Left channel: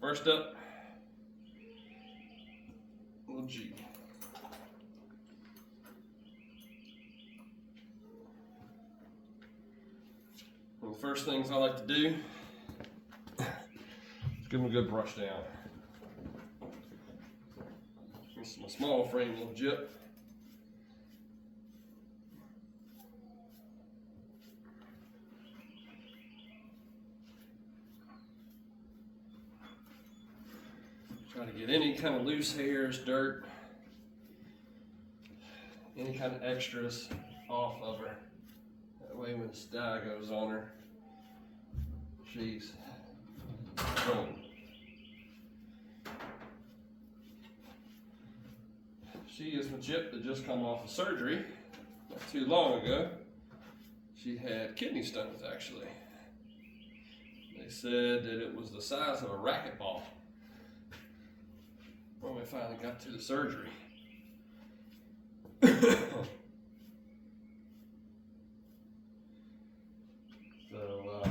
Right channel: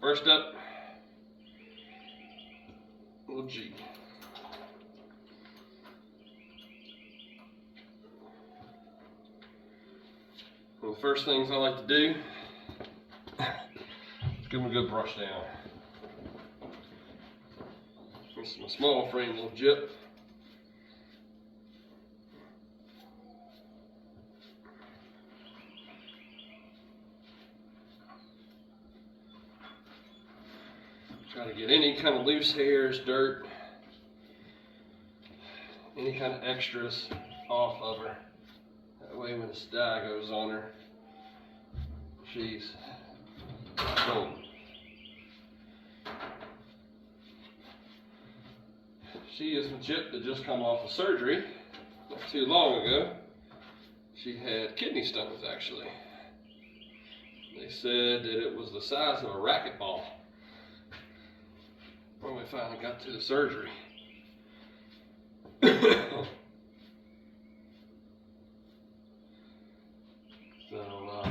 first up, little G. One of the first things I like to do is give him a good brush down. This is my small frame little Jip. Try to get any kind of loose hairs, dirt, any kind of extras off of her. That way when the dye goes on her, she's boom. She is a Jip that just come off of surgery not too long ago. She had kidney stones actually. They said that it was the size of a racquetball when we finally got to the surgery. So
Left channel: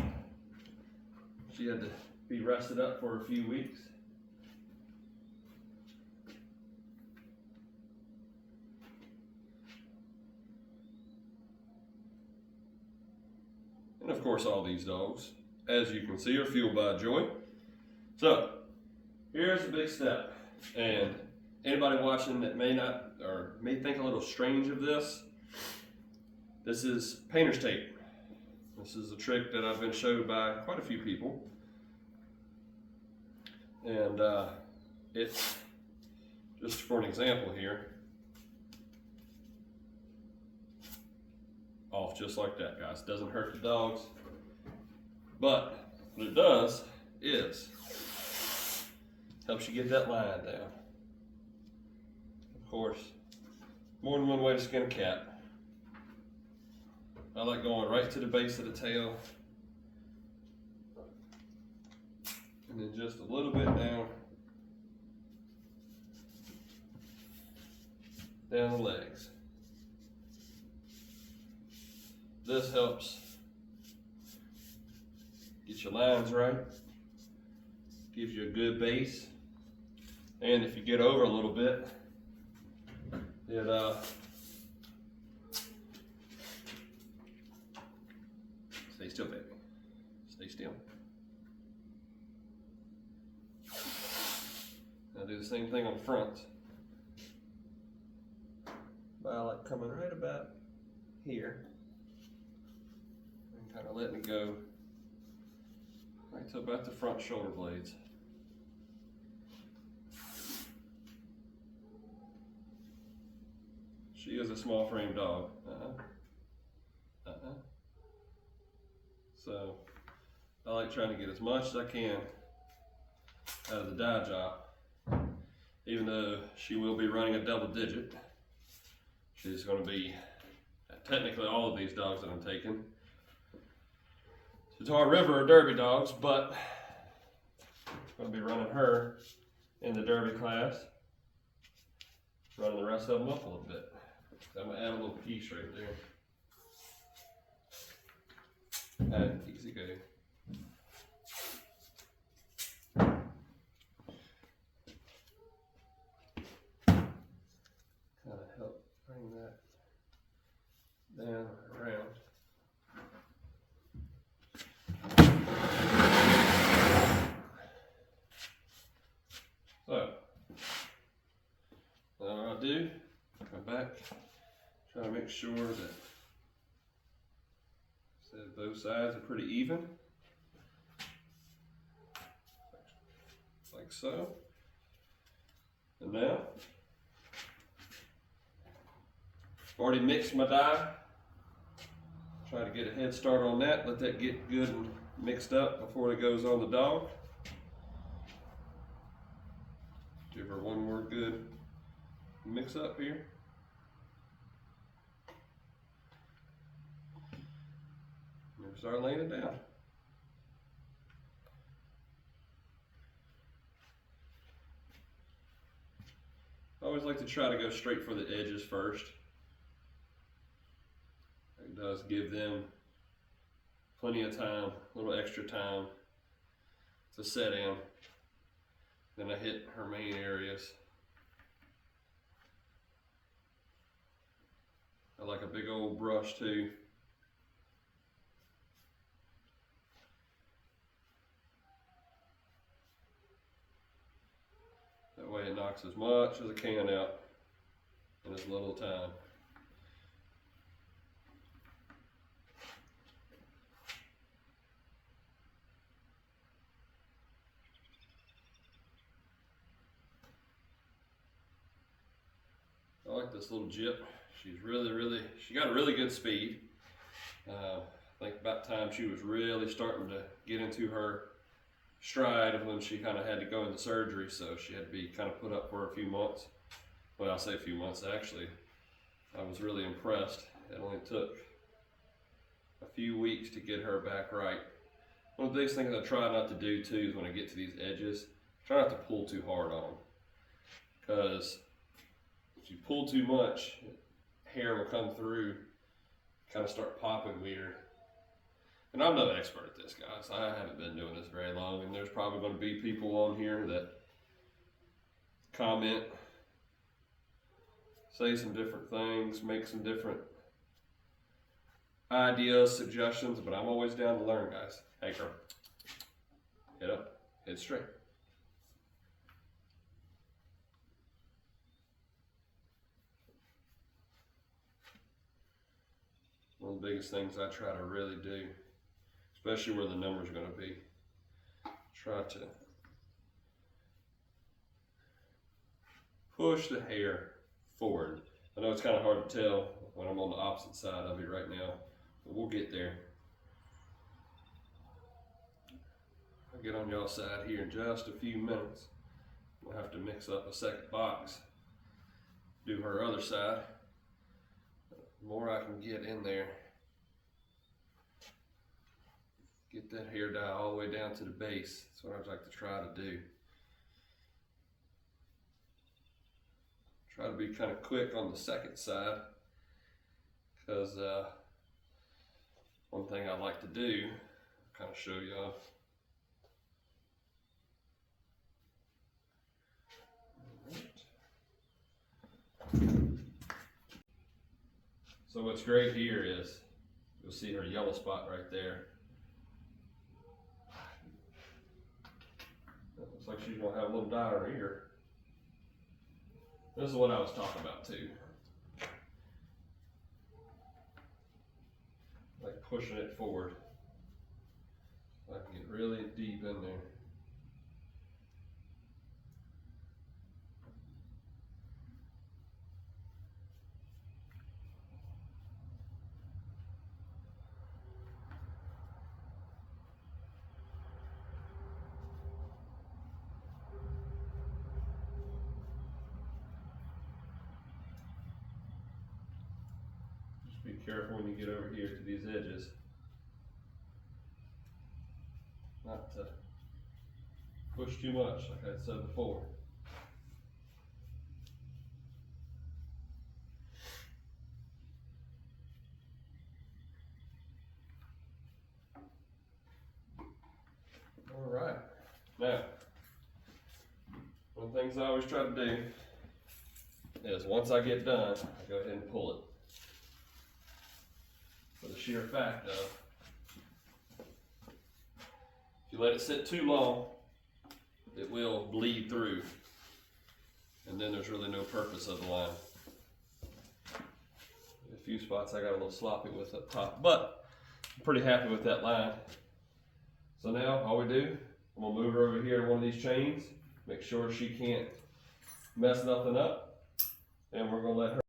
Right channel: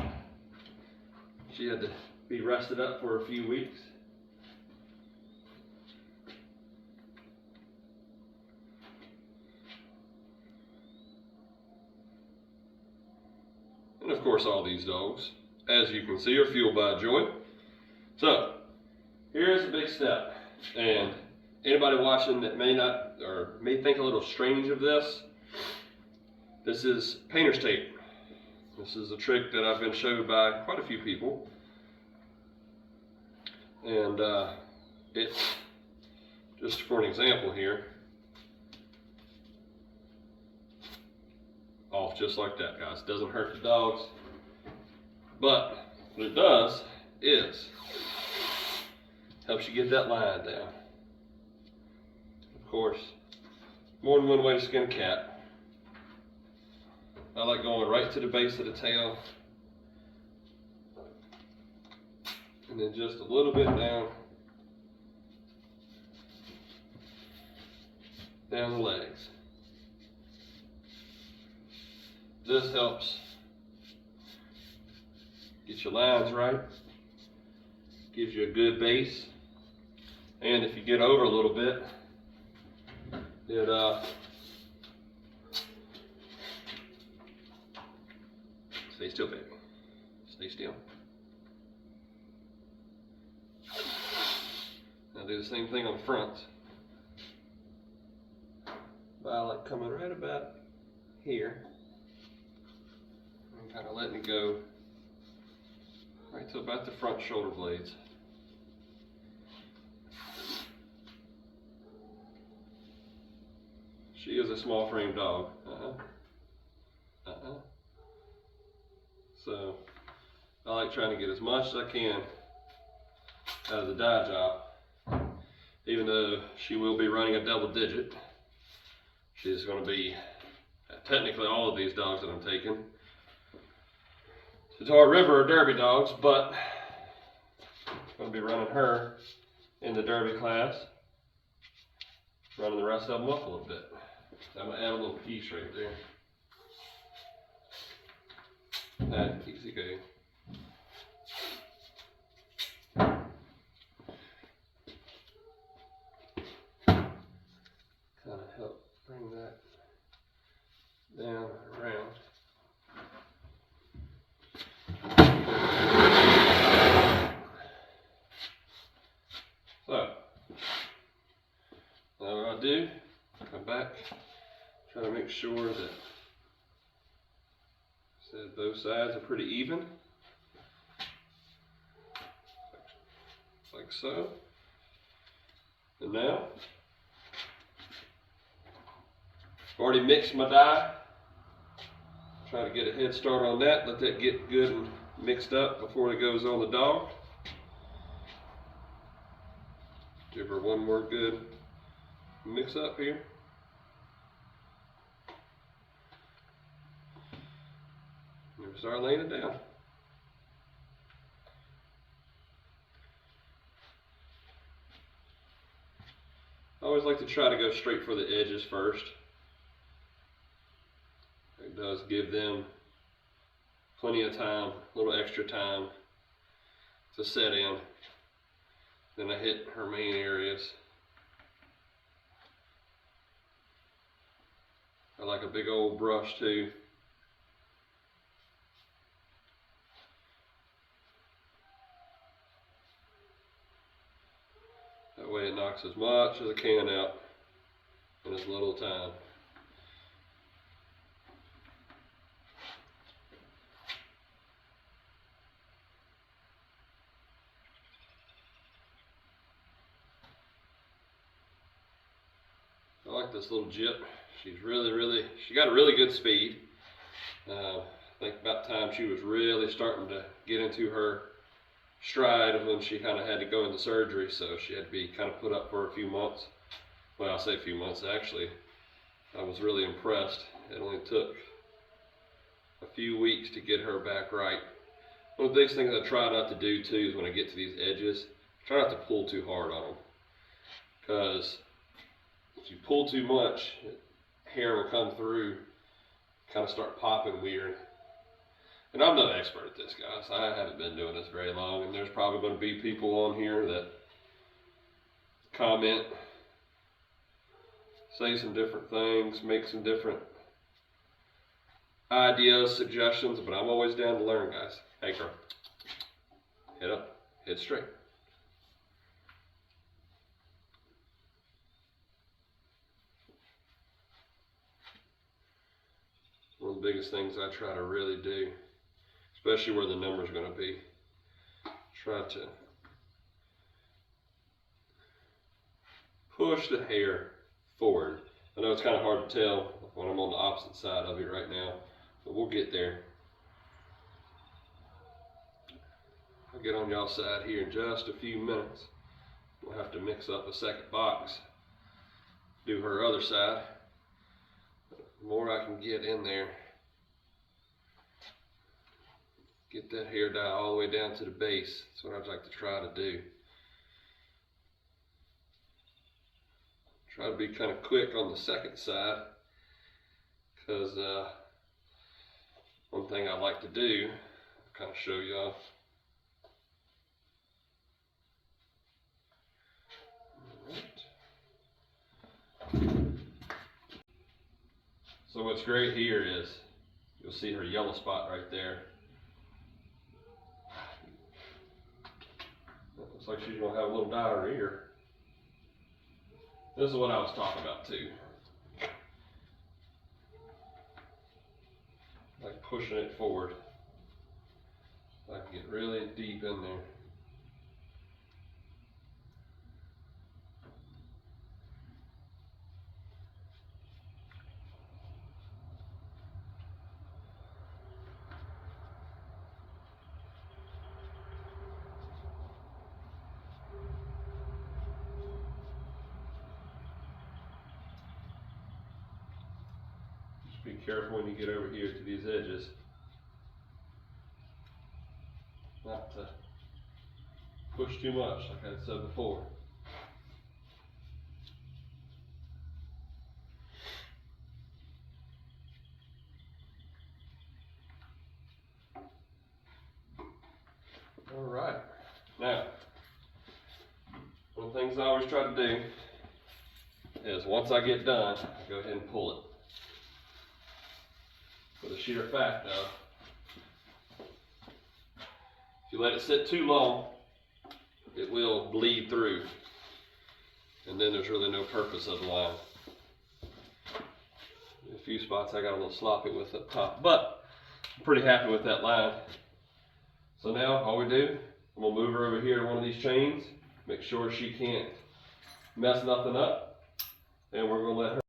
she had to be rested up for a few weeks. And of course all these dogs, as you can see, are fueled by joy. So here's a big step. And anybody watching that may not, or may think a little strange of this, this is painter's tape. This is a trick that I've been showed by quite a few people. And it's just for an example here. Off just like that, guys. Doesn't hurt the dogs. But what it does is helps you get that line down. Of course, more than one way to skin a cat. I like going right to the base of the tail and then just a little bit down the legs. This helps get your lines right, gives you a good base. And if you get over a little bit, it stay still, baby. Stay still. Now do the same thing on the front. By like coming right about here and kind of letting it go right to about the front shoulder blades. She is a small frame dog. So I like trying to get as much as I can out of the dye job. Even though she will be running a double digit, she's going to be, technically all of these dogs that I'm taking to Tar River are Derby dogs, but I'm going to be running her in the Derby class, running the rest of them up a little bit. So I'm going to add a little piece right there. Easy go. Kind of help bring that down around. So, now what I do, come back, try to make sure that both sides are pretty even, like so. And now, I've already mixed my dye. Try to get a head start on that, let that get good and mixed up before it goes on the dog. Give her one more good mix up here. And start laying it down. I always like to try to go straight for the edges first. It does give them plenty of time, a little extra time to set in Then I hit her main areas. I like a big old brush too. That way it knocks as much as I can out in as little time. I like this little Jip. She's she got a really good speed. I think about time she was really starting to get into her stride of when she kind of had to go into surgery, so she had to be kind of put up for a few months. Well, I'll say a few months actually. I was really impressed. It only took a few weeks to get her back right. One of the biggest things I try not to do too is when I get to these edges, try not to pull too hard on them. Because if you pull too much, hair will come through, kind of start popping weird. And I'm not an expert at this, guys. I haven't been doing this very long, and there's probably going to be people on here that comment, say some different things, make some different ideas, suggestions, but I'm always down to learn, guys. Hey, girl. Head up, head straight. One of the biggest things I try to really do, especially where the number's going to be, try to push the hair forward. I know it's kind of hard to tell when I'm on the opposite side of it right now, but we'll get there. I'll get on y'all's side here in just a few minutes. We'll have to mix up a second box, do her other side. The more I can get in there, get that hair dye all the way down to the base. That's what I'd like to try to do. Try to be kind of quick on the second side, because one thing I like to do, I'll kind of show y'all. So what's great here is, you'll see her yellow spot right there. It looks like she's gonna have a little dye in her ear. This is what I was talking about too. Like pushing it forward. I can get really deep in there. Be careful when you get over here to these edges, not to push too much, like I said before. All right, now, one of the things I always try to do is once I get done, I go ahead and pull it. For the sheer fact of, if you let it sit too long, it will bleed through, and then there's really no purpose of the line. A few spots I got a little sloppy with up top, but I'm pretty happy with that line. So now all we do, I'm gonna move her over here to one of these chains, make sure she can't mess nothing up, and we're gonna let her